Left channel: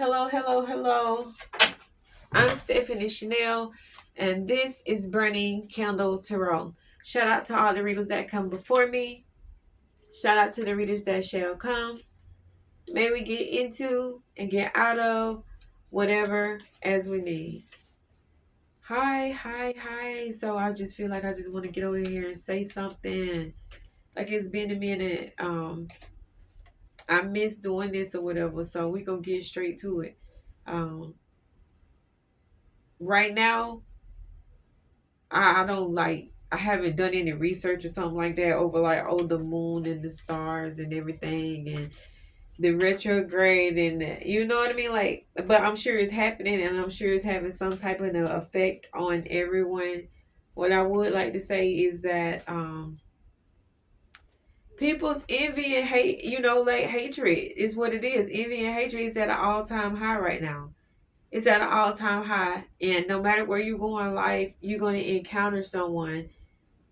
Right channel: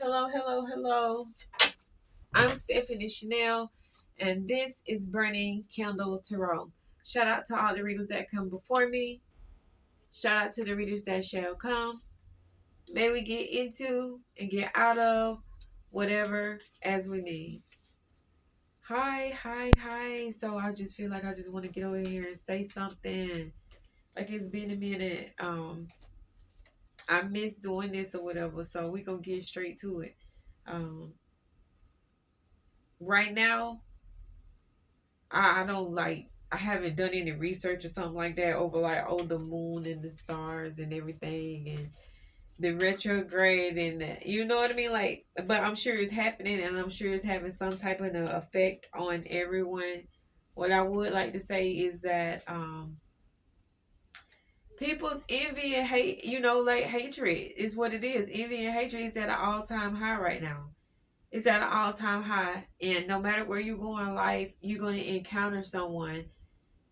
Hello, hello, hello. I'm Stephanie Chanel, and this is Burning Candle Tarot. Shout out to all the readers that come before me. Shout out to the readers that shall come. May we get into and get out of whatever as we need. Hi, hi, hi. So I just feel like I just want to get over here and say something. Like it's been a minute. I miss doing this or whatever. So we gonna get straight to it. Um, right now, I don't like I haven't done any research or something like that over like the moon and the stars and everything and the retrograde and you know what I mean, like, but I'm sure it's happening and I'm sure it's having some type of an effect on everyone. What I would like to say is that people's envy and hate, like hatred is what it is. Envy and hatred is at an all-time high right now. It's at an all-time high, and no matter where you go in life, you're going to encounter someone.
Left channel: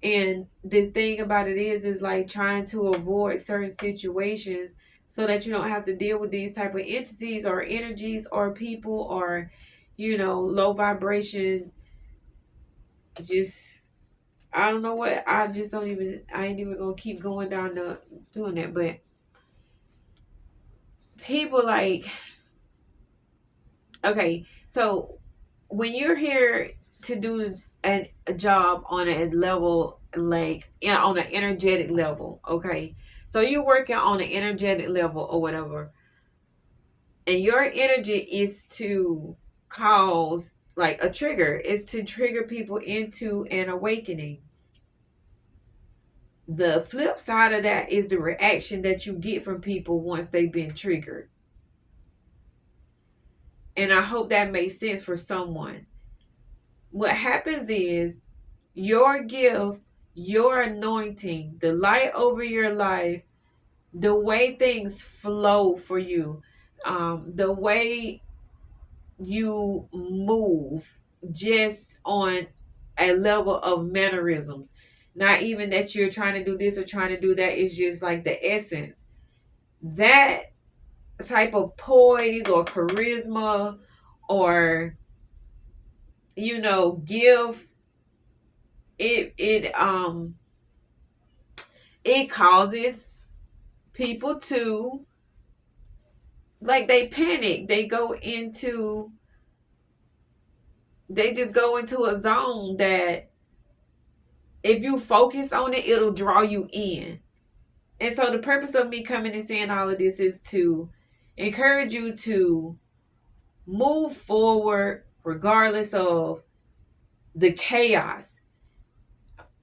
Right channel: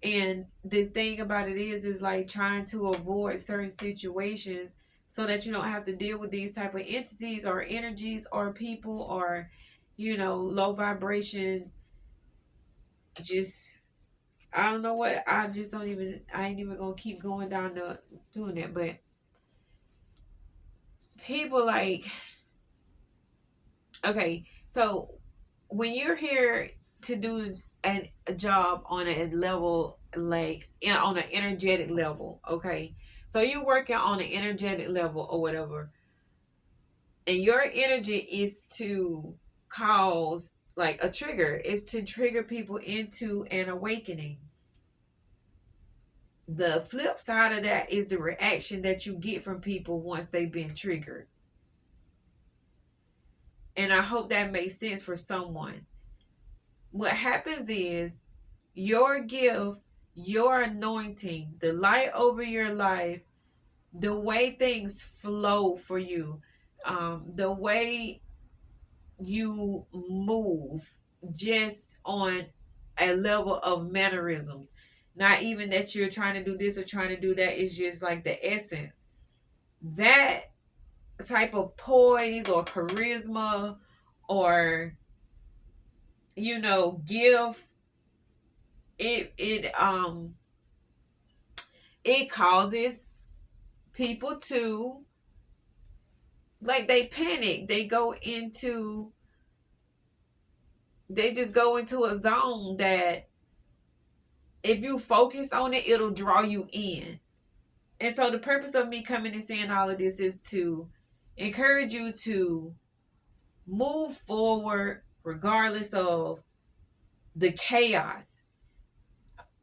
And the thing about it is like trying to avoid certain situations so that you don't have to deal with these type of entities or energies or people or, low vibration. Just, I don't know what, I ain't even gonna keep going down the doing that. But people like, okay, so when you're here to do a job on a level, like on an energetic level, okay, so you're working on an energetic level or whatever, and your energy is to cause like a trigger, is to trigger people into an awakening. The flip side of that is the reaction that you get from people once they've been triggered. And I hope that makes sense for someone. What happens is your gift, your anointing, the light over your life, the way things flow for you, the way you move just on a level of mannerisms. Not even that you're trying to do this or trying to do that. It's just like the essence. That type of poise or charisma or, gift, it it causes people to, like, they panic, they just go into a zone that if you focus on it, it'll draw you in. And so the purpose of me coming and saying all of this is to encourage you to move forward regardless of the chaos.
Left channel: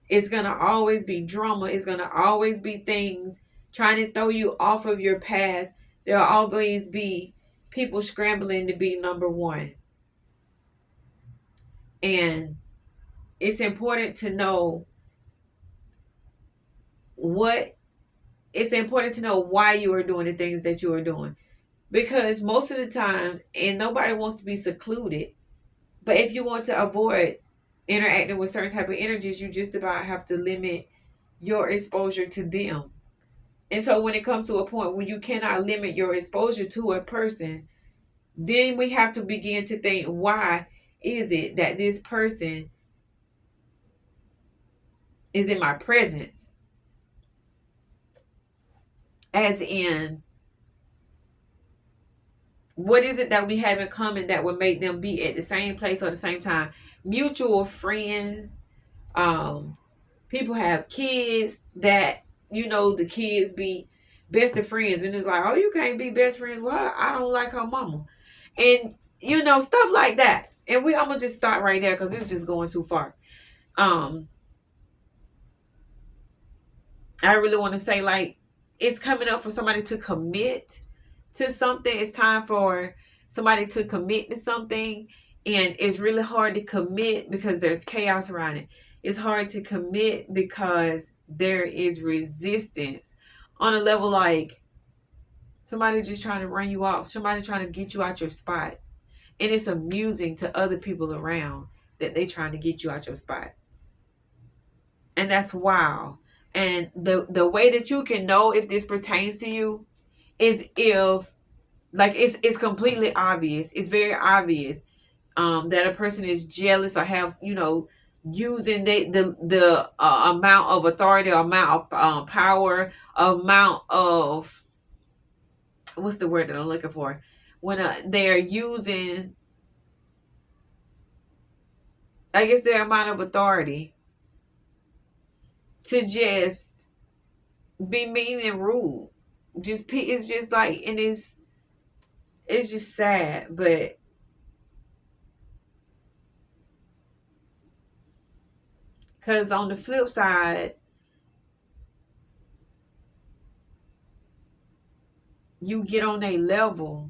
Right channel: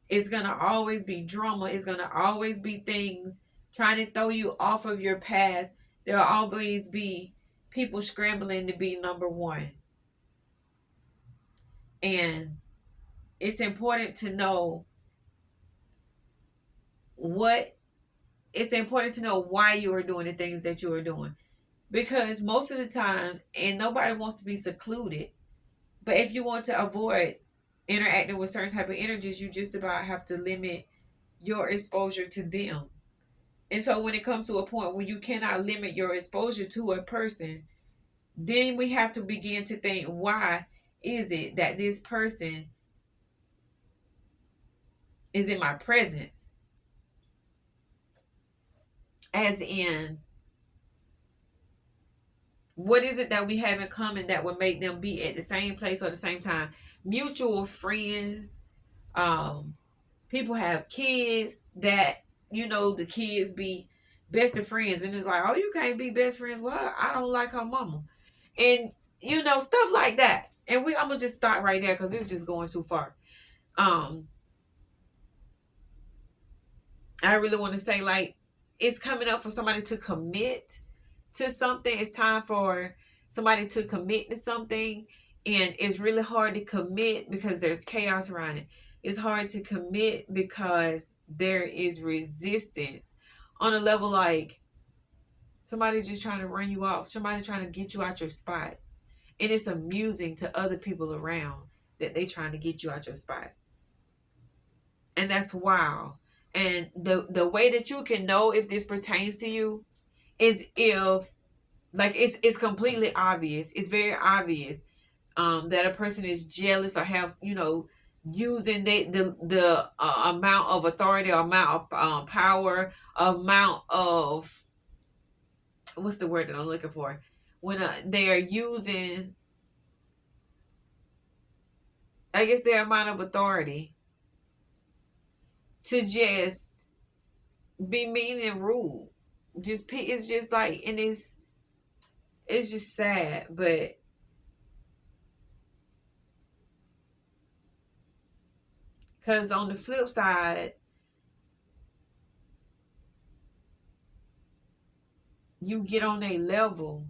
It's going to always be drama. It's going to always be things trying to throw you off of your path. There'll always be people scrambling to be number one. And it's important to know what it's important to know why you are doing the things that you are doing. Because most of the time, and nobody wants to be secluded, but if you want to avoid interacting with certain type of energies, you just about have to limit your exposure to them. And so when it comes to a point where you cannot limit your exposure to a person, then we have to begin to think, why is it that this person is in my presence? As in, what is it that we have in common that would make them be at the same place or the same time? Mutual friends. Um, People have kids that, the kids be best of friends, and it's like, oh, you can't be best friends with her. I don't like her mama, and stuff like that. And I'm gonna just start right there because it's just going too far. Um, I really want to say, like, it's coming up for somebody to commit to something. It's time for somebody to commit to something. And it's really hard to commit because there's chaos around it. It's hard to commit because there is resistance on a level like somebody just trying to run you off, somebody trying to get you out your spot. And it's amusing to other people around that they trying to get you out your spot. And that's wow. And the way that you can know if this pertains to you is if Like it's completely obvious. It's very obvious that a person is jealous or have, using the amount of authority, amount of power, amount of, what's the word that I'm looking for, when they're using, I guess, their amount of authority to just be mean and rude. It's just like, and it's just sad. But because on the flip side, you get on a level,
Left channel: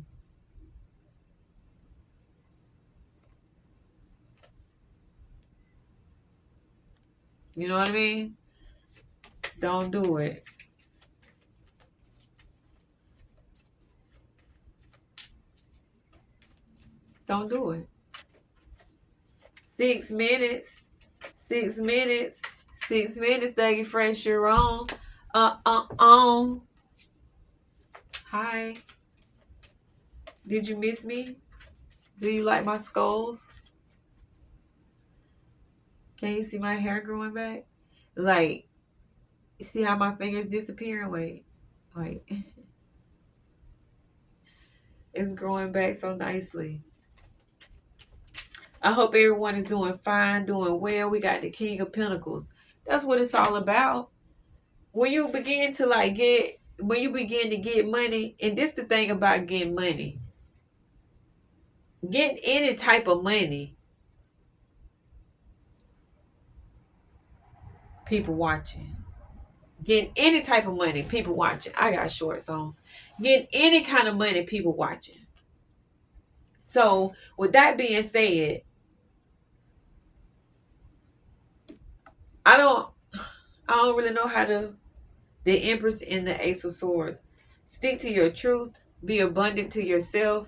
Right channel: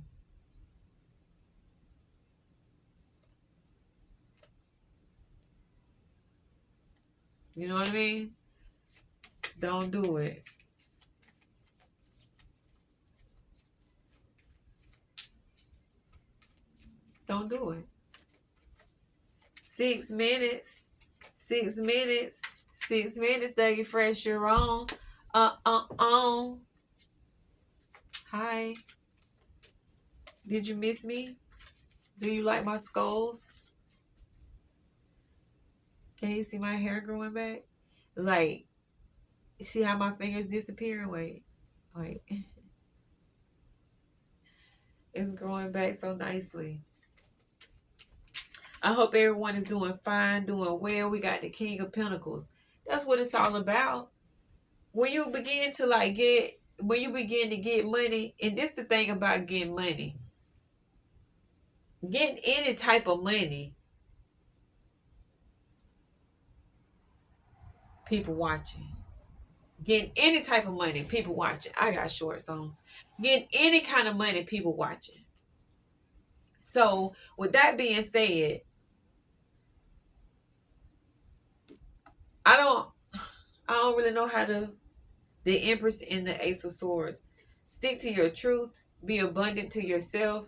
you know what I mean? Don't do it. Don't do it. 6 minutes. 6 minutes. 6 minutes, Dougie Fresh, you're on. On. Hi. Did you miss me? Do you like my skulls? Can you see my hair growing back? Like, see how my fingers disappearing? Wait. It's growing back so nicely. I hope everyone is doing fine, doing well. We got the King of Pentacles. That's what it's all about. When you begin to when you begin to get money, and this the thing about getting money, getting any type of money, people watching. Getting any type of money, people watching. I got shorts on. Getting any kind of money, people watching. So with that being said, I don't I don't really know how to, the Empress and the Ace of Swords. Stick to your truth. Be abundant to yourself.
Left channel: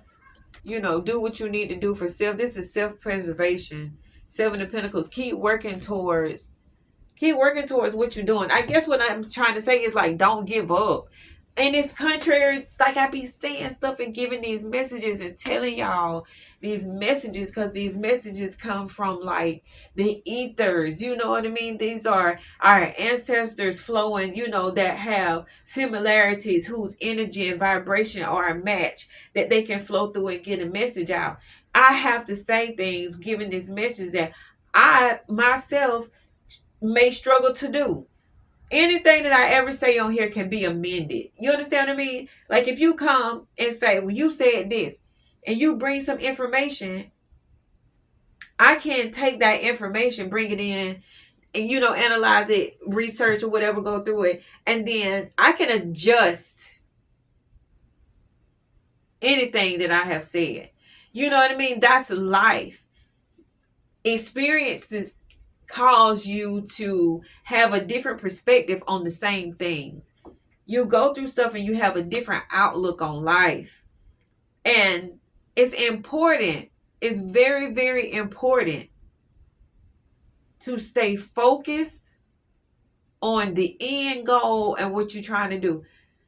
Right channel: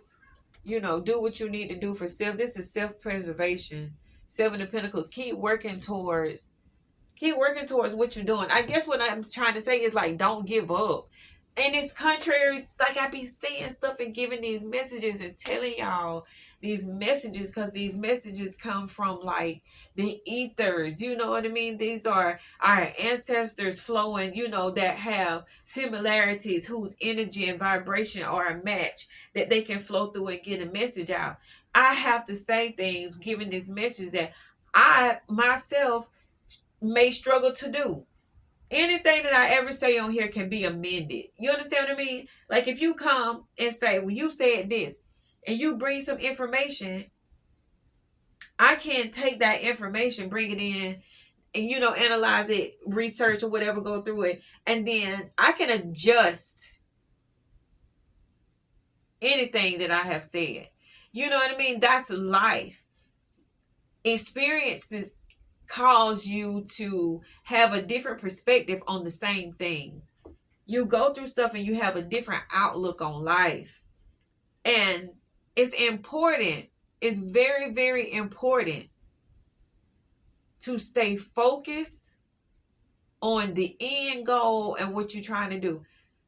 Do what you need to do for self. This is self-preservation. Seven of Pentacles. Keep working towards what you're doing. I guess what I'm trying to say is, like, don't give up. And it's contrary, like I be saying stuff and giving these messages and telling y'all these messages, because these messages come from, like, the ethers. You know what I mean? These are our ancestors flowing, that have similarities, whose energy and vibration are a match, that they can flow through and get a message out. I have to say things, giving this message that I myself may struggle to do. Anything that I ever say on here can be amended. You understand what I mean? Like, if you come and say, well, you said this, and you bring some information, I can take that information, bring it in, and, analyze it, research or whatever, go through it, and then I can adjust anything that I have said. You know what I mean? That's life. Experiences cause you to have a different perspective on the same things. You go through stuff and you have a different outlook on life. And it's important. It's very, very important to stay focused on the end goal and what you're trying to do.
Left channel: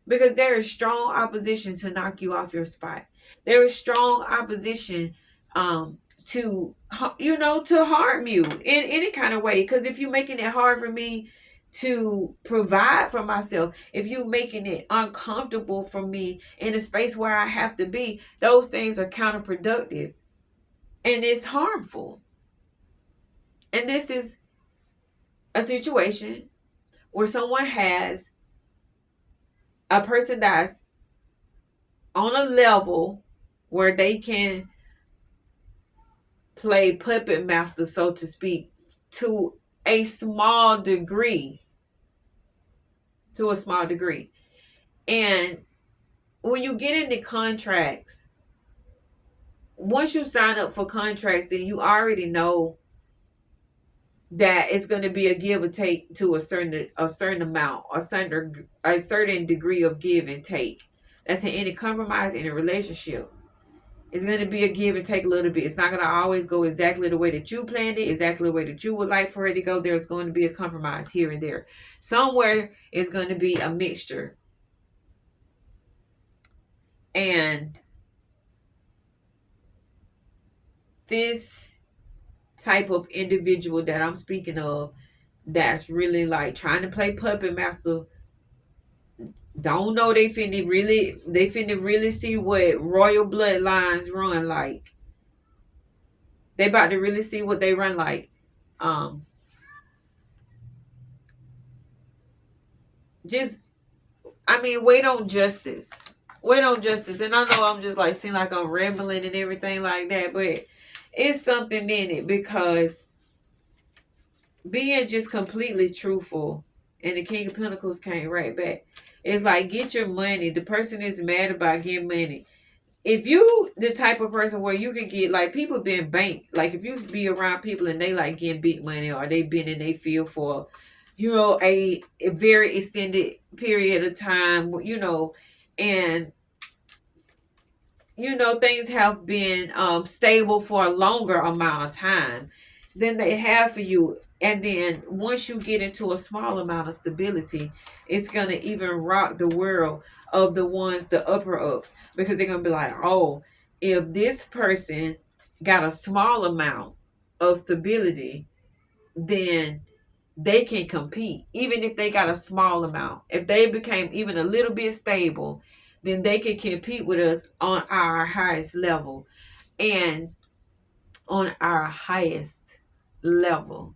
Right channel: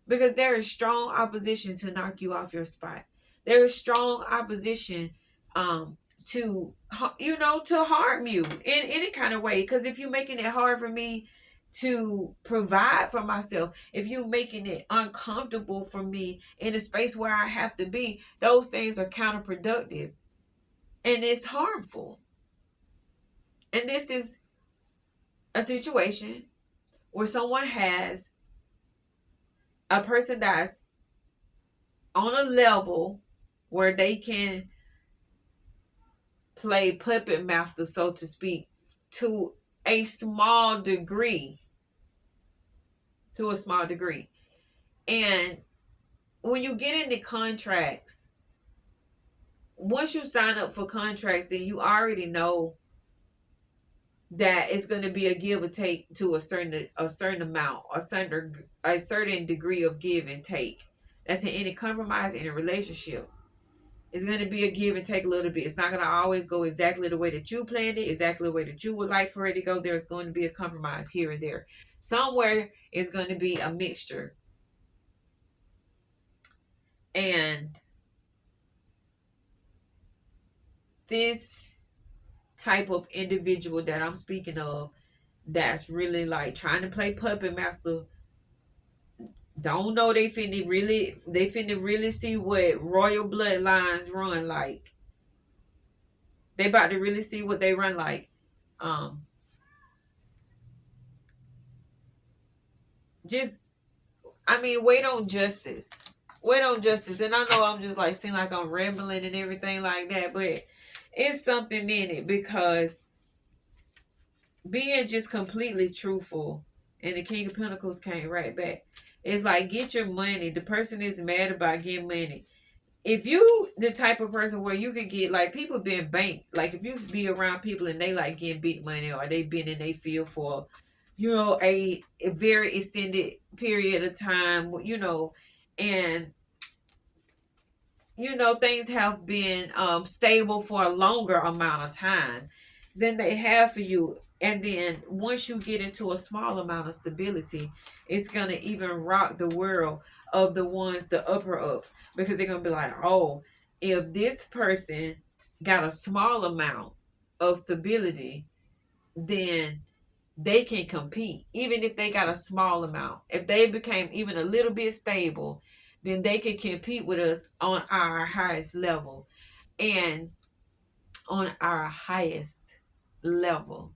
Because there is strong opposition to knock you off your spot. There is strong opposition to harm you in any kind of way. Because if you're making it hard for me to provide for myself, if you're making it uncomfortable for me in a space where I have to be, those things are counterproductive and it's harmful. And this is a situation where someone has a person that's on a level where they can play puppet master, so to speak, to a small degree. To a small degree. And when you get into contracts, once you sign up for contracts, then you already know that it's going to be a give or take to a certain amount, a certain degree of give and take. That's in any compromise in a relationship. It's going to be a give and take a little bit. It's not going to always go exactly the way that you planned it, exactly the way that you would like for it to go. There's going to be a compromise here and there. Somewhere it's going to be a mixture. And this type of individual that I'm speaking of, that's really like trying to play puppet master, don't know they finna really see what royal bloodlines run like. They about to really see what they run like. Um, just I mean, wait on justice. Wait on justice. And I know I'm just like seem like I'm rambling and everything like that, but it's something in it because being just completely truthful, and the King of Pentacles came right back. It's like get your money. The person is mad about getting money. If you the type of person where you could get like people being banked, like if you be around people and they like getting big money or they been in a field for, a very extended period of time, and things have been stable for a longer amount of time than they have for you. And then once you get into a small amount of stability, it's going to even rock the world of the ones, the upper ups, because they're going to be like, oh, if this person got a small amount of stability, then they can compete even if they got a small amount. If they became even a little bit stable, then they can compete with us on our highest level and on our highest level.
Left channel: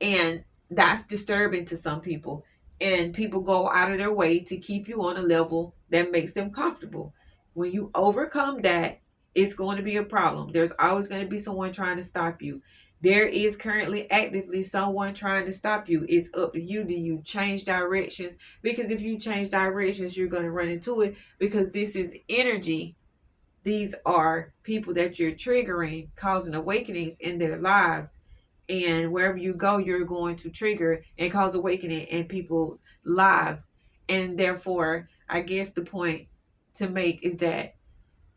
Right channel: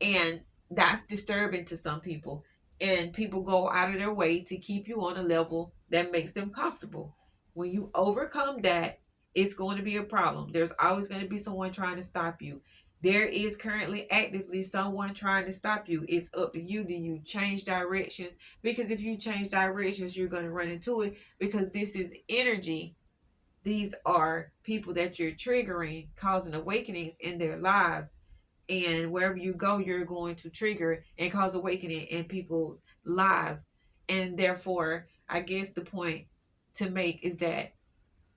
And that's disturbing to some people. And people go out of their way to keep you on a level that makes them comfortable. When you overcome that, it's going to be a problem. There's always going to be someone trying to stop you. There is currently actively someone trying to stop you. It's up to you. Do you change directions? Because if you change directions, you're going to run into it, because this is energy. These are people that you're triggering, causing awakenings in their lives. And wherever you go, you're going to trigger and cause awakening in people's lives. And therefore, I guess the point to make is that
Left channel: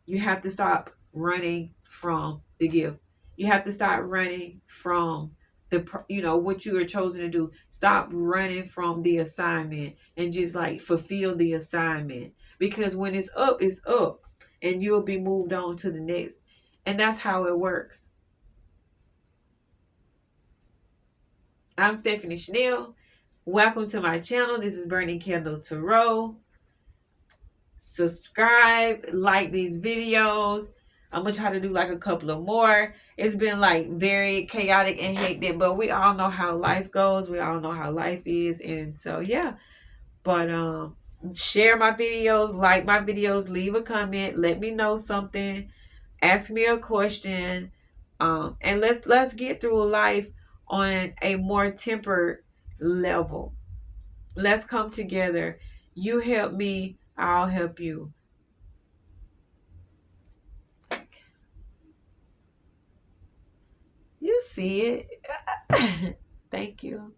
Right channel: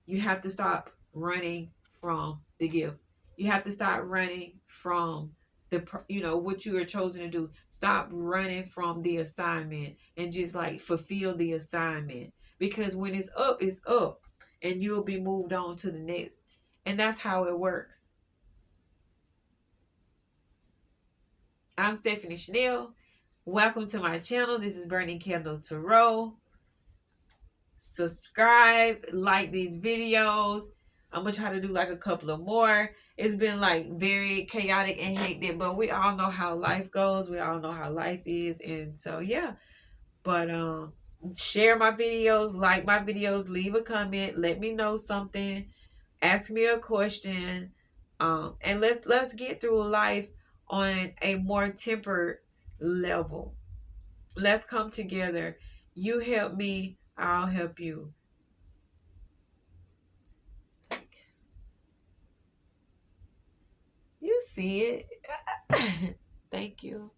you have to stop running from the gift. You have to stop running from what you are chosen to do. Stop running from the assignment and just like fulfill the assignment, because when it's up, and you'll be moved on to the next. And that's how it works. I'm Stephanie Chanel. Welcome to my channel. This is Burning Candle Tarot. Subscribe, like these videos. I'm gonna try to do like a couple of more. It's been like very chaotic and hectic, but we all know how life goes. We all know how life is, and so yeah. But share my videos, like my videos, leave a comment, let me know something, ask me a question, and let's get through life on a more tempered level. Let's come together. You help me, I'll help you. You see it. Thank you.